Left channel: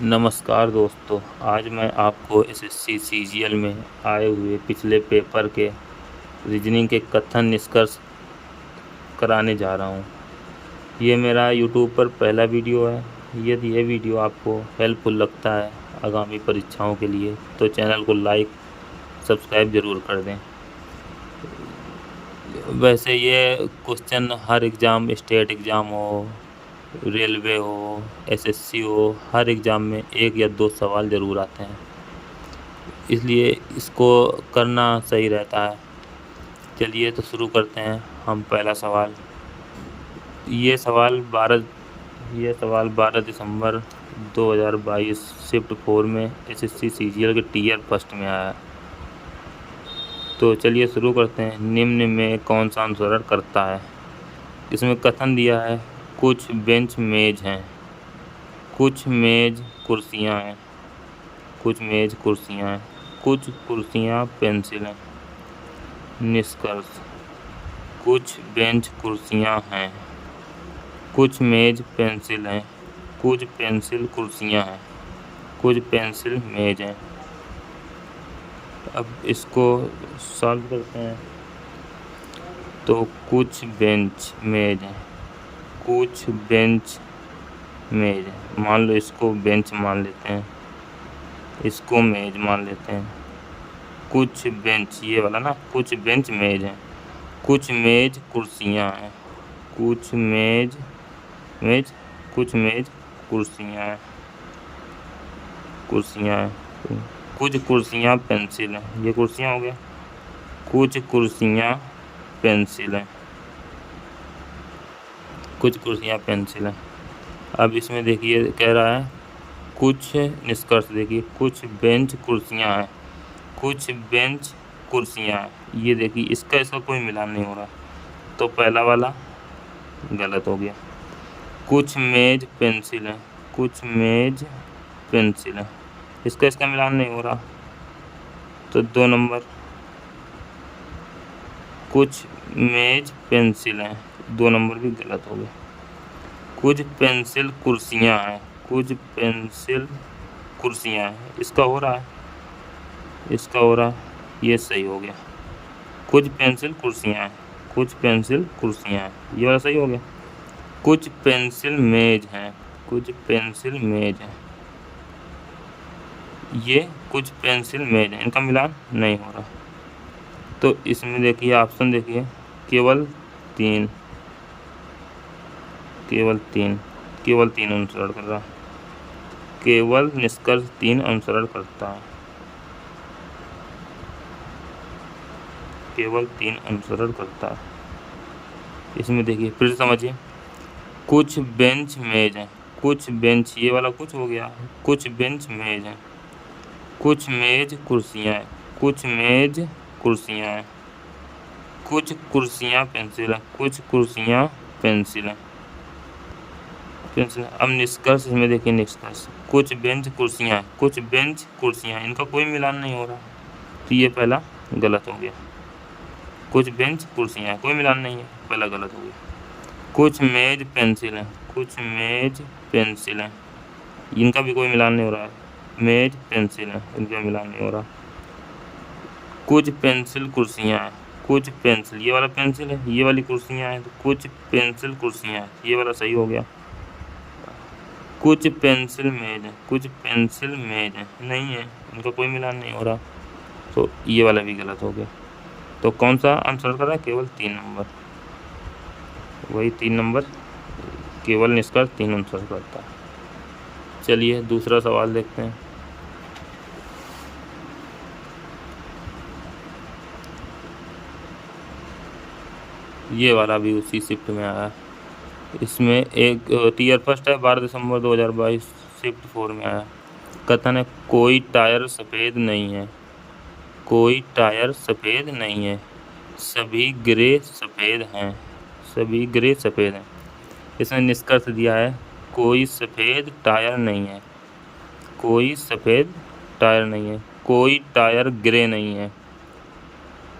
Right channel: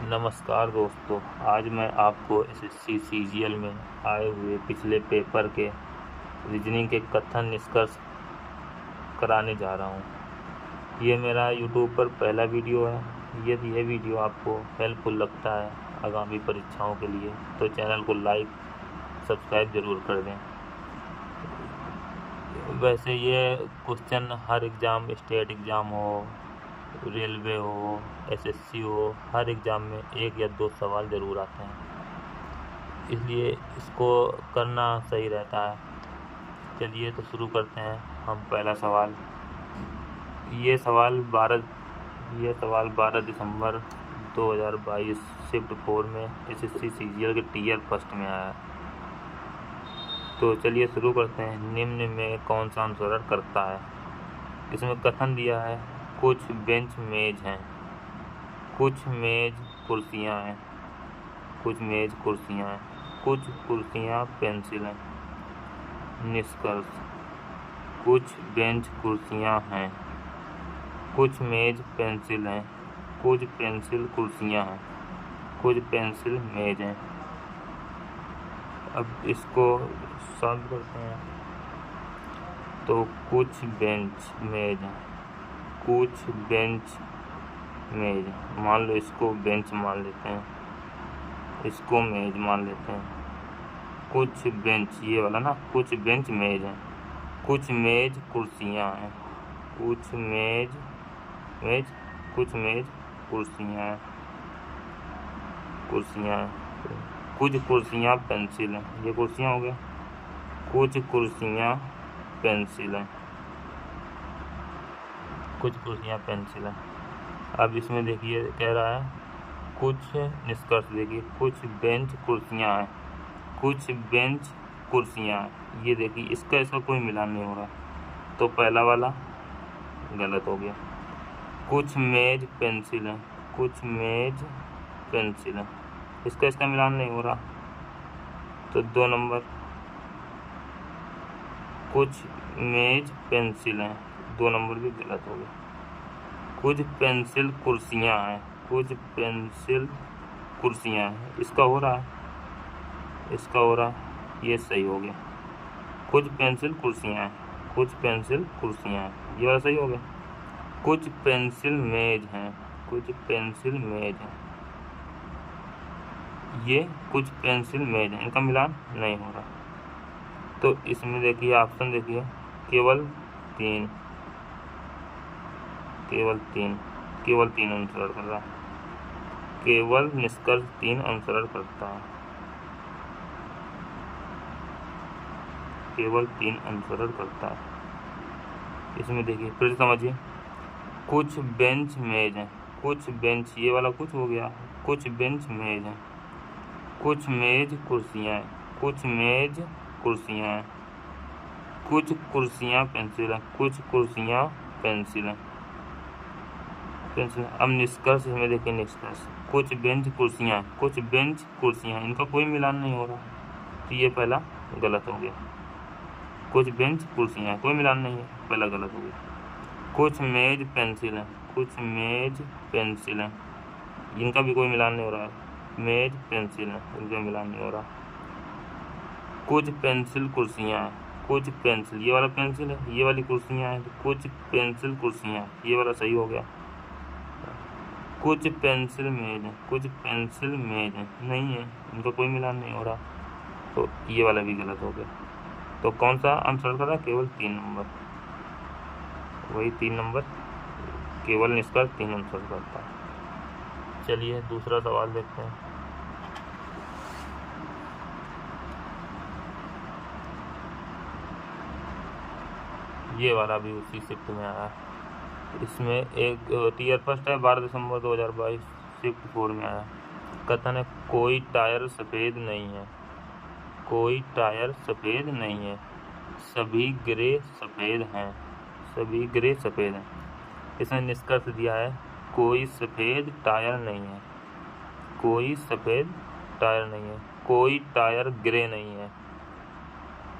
नमस्कार दोस्तों, आज मैं आपको एसएससी सीजीएल में आए हुए पिछले पेपर के रीजनिंग के कथन निष्कर्ष कराने जा रहा हूँ। ये मेरा यूट्यूब पर पहला वीडियो है। यदि ये वीडियो आपको हेल्पफुल लगता है आगामी परीक्षाओं के लिए तो चैनल को लाइक सब्सक्राइब ज़रूर कर दें। वैसे ये क्वेश्चन हर एग्ज़ाम, स्टेट एग्ज़ाम हो, रेलवे हो, एसएससी हो, हर एग्ज़ाम में 1 या 2 सवाल ज़रूर आते हैं, इसलिए इसको करना सही रहता है। चलिए तो शुरू करते हैं हम पहला सवाल। ये सवाल 12 दिसंबर 2022 शिफ्ट 4 में एसएससी सीजीएल के टियर फर्स्ट में आया। तो चलिए शुरू करते हैं। निम्न में कौन सा अनुसरण करता है? इसमें कथन दिया है कुछ बेंच मेज हैं, कुछ मेज कुर्सियां हैं, कुछ मेज कुर्सियां हैं, कुछ कुर्सियां पेंसिल हैं। निष्कर्ष: कुछ बेंच कुर्सियां हैं, कुछ मेज पेंसिल हैं, कुछ पेंसिल कुर्सियां हैं, कुछ पेंसिल मेज हैं। अब इसको सॉल्व करते हैं। तो कुछ बेंच मेज हैं, कुछ बेंच मेज है, मान लो इसको बेंच मान लेते हैं, इसको मेज मान लेते हैं। कुछ बेंच, ये वाला ना, कुछ बेंच मेज है, कुछ मेज कुर्सियां हैं, कुछ मेज कुछ मेज कुर्सियां हैं, कुछ कुर्सियां पेंसिल हैं। ये कुर्सियां हो गया। कुछ कुर्सियां पेंसिल हैं, कुछ कुर्सियां पेंसिल हैं। अब इसमें देखिए कह रहा है कुछ निष्कर्ष, देखिए कुछ बेंच कुर्सियां हैं, कुछ बेंच कुर्सियां हैं। ये देखिए इसका कोई मिलान नहीं हो रहा, तो पहला वाला गलत हो गया। कुछ मेज पेंसिल है, कुछ मेज पेंसिल है, इसका मिलान नहीं हो रहा, तो 2 नंबर। कुछ मेज पेंसिल है, 2 नंबर भी गलत हो गए। कुछ पेंसिल कुर्सियां हैं, कुछ पेंसिल कुर्सियां हैं, इसका हो रहा है, ये सही हो गया। कुछ पेंसिल कुर्सियां हैं, कुछ पेंसिल कुर्सियां हैं, ये वाला सही हो गया। कुछ पेंसिल मेज हैं, कुछ पेंसिल मेज हैं, ये कुछ पेंसिल मेज हैं, इनका मिलान नहीं हो रहा। तो इसमें देखिए ऑप्शन देखिए, केवल तीन अनुसरण कर रहा है, केवल निष्कर्ष 3 अनुसरण करता है, केवल 3 अनुसरण करता है। इसमें देखिए फिर से समझिए, कुछ बेंच मेज हैं, कुछ बेंच, ये वाला कुछ हो गया, कुछ बेंच मेज हैं, कुछ मेज कुर्सियां हैं, कुछ मेज कुर्सियां हैं, कुछ कुर्सियां पेंसिल हैं, कुछ कुर्सियां पेंसिल हैं। अब निष्कर्ष में देखिए, निष्कर्ष कुछ बेंच कुर्सियां, कुछ बेंच कुर्सियां, इनका कोई मिलान नहीं हो रहा, तो ये पहला गलत हो गया। कुछ बेंच कुर्सियां, कोई मिलान नहीं है, पहला गलत हो गया। कुछ मेज पेंसिल हैं, कुछ मेज पेंसिल हैं, इनका भी कोई मिलान नहीं हो रहा है, मेज पेंसिल है, इनका मिलान नहीं हो रहा। कुछ पेंसिल कुर्सियां हैं, कुछ पेंसिल, ये वाला पेंसिल है, ये वाली कुर्सियां हैं, तो कुछ पेंसिल कुर्सियां हैं, ये वाला सही हो गया। कुछ पेंसिल मेज है, कुछ पेंसिल मेज है, नहीं है, इनका कोई मिलान नहीं हो रहा, तो ये वाला भी गलत हो गया। तो कौन सा आंसर कर रहा है? केवल 3 नंबर, वही 3 नंबर, केवल निष्कर्ष 3 आंसर करता है। चलिए दूसरा सवाल देखते हैं। ये वाला भी उसी शिफ्ट में आया, इसमें एक टियर फर्स्ट है, 12 दिसंबर 2022 शिफ्ट 4 में आया। कथन है कोई टायर सफ़ेद नहीं है, कोई टायर सफ़ेद नहीं है, सभी ग्रे सफ़ेद हैं, सभी ग्रे सफ़ेद हैं। इसमें निष्कर्ष दिया है कोई सफ़ेद टायर नहीं है, कोई सफ़ेद टायर नहीं है, कोई टायर ग्रे नहीं है,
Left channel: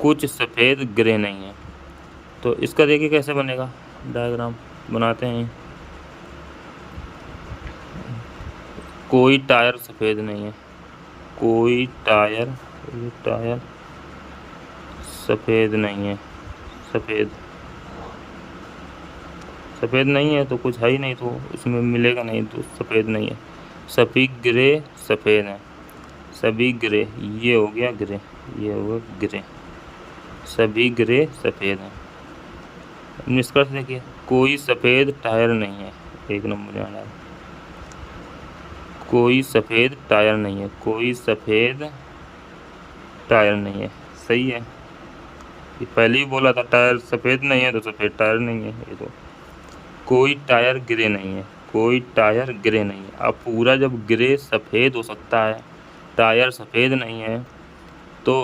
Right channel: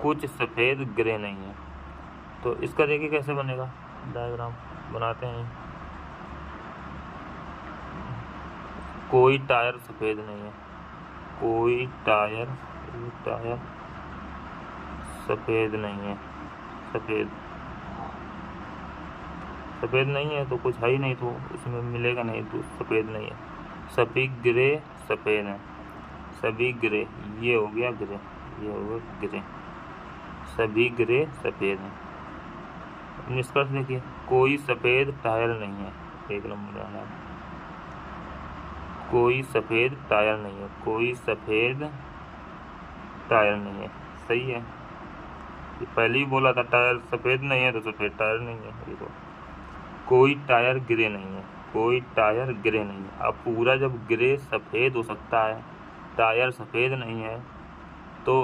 कुछ सफ़ेद ग्रे नहीं है। तो इसका देखिए कैसे बनेगा, डायग्राम बनाते हैं। कोई टायर सफ़ेद नहीं है। कोई टायर सफ़ेद नहीं है। सफ़ेद नहीं है तो कुछ है ही नहीं, तो उसमें मिलेगा नहीं, तो सफ़ेद नहीं है। सभी ग्रे सफ़ेद हैं। सभी ग्रे, ये हो गया ग्रे, ये हो गया ग्रे। सभी ग्रे सफ़ेद हैं। निष्कर्ष देखिए, कोई सफ़ेद टायर नहीं है। एक नंबर आना है। कोई सफ़ेद टायर नहीं है। कोई सफ़ेद टायर नहीं है। सही है। ये पहले ही बोला था टायर सफ़ेद नहीं है, तो सफ़ेद टायर नहीं है ये तो। कोई टायर ग्रे नहीं है। कोई टायर ग्रे नहीं है। अब पूरा जब ग्रे सफ़ेद हो सकता है, टायर सफ़ेद नहीं है, तो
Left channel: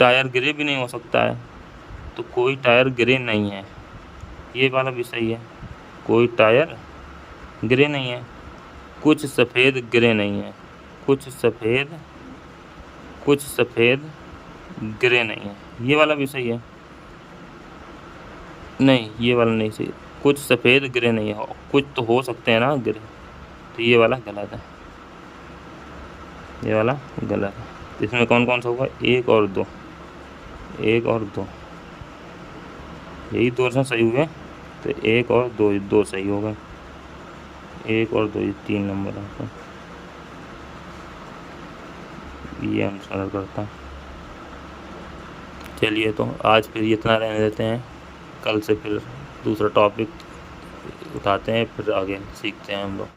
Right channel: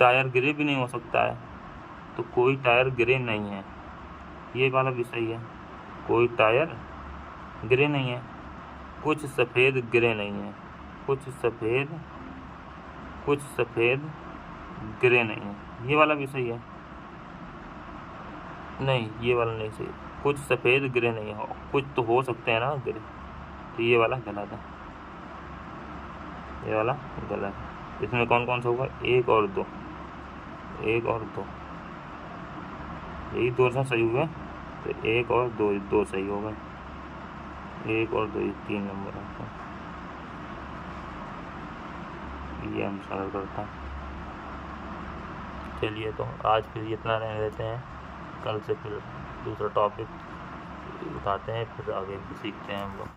टायर ग्रे भी नहीं हो सकता है। तो कोई टायर ग्रे नहीं है, ये वाला भी सही है। कोई टायर ग्रे नहीं है। कुछ सफ़ेद ग्रे नहीं है। कुछ सफ़ेद ग्रे नहीं है, ये वाला भी सही है। नहीं, ये वाला नहीं सही। कुछ सफ़ेद ग्रे नहीं है, कुछ तो हो सकते हैं ना ग्रे, तो ये वाला गलत है। ये वाला गलत है। इसमें कौन कौन सा होगा? 1 और 2। 1 और 2, यही 2 ऑप्शन सही हुए, तो 1 और 2 सही होगा। 1 और 2, ये 3 नंबर होगा। ये हम सरल करता हूँ। चलिए, तो आज फिर इतना रहने देते हैं। कल से फिर दूसरा टॉपिक उठाते हैं, फिर आगे सीखते हैं हम लोग।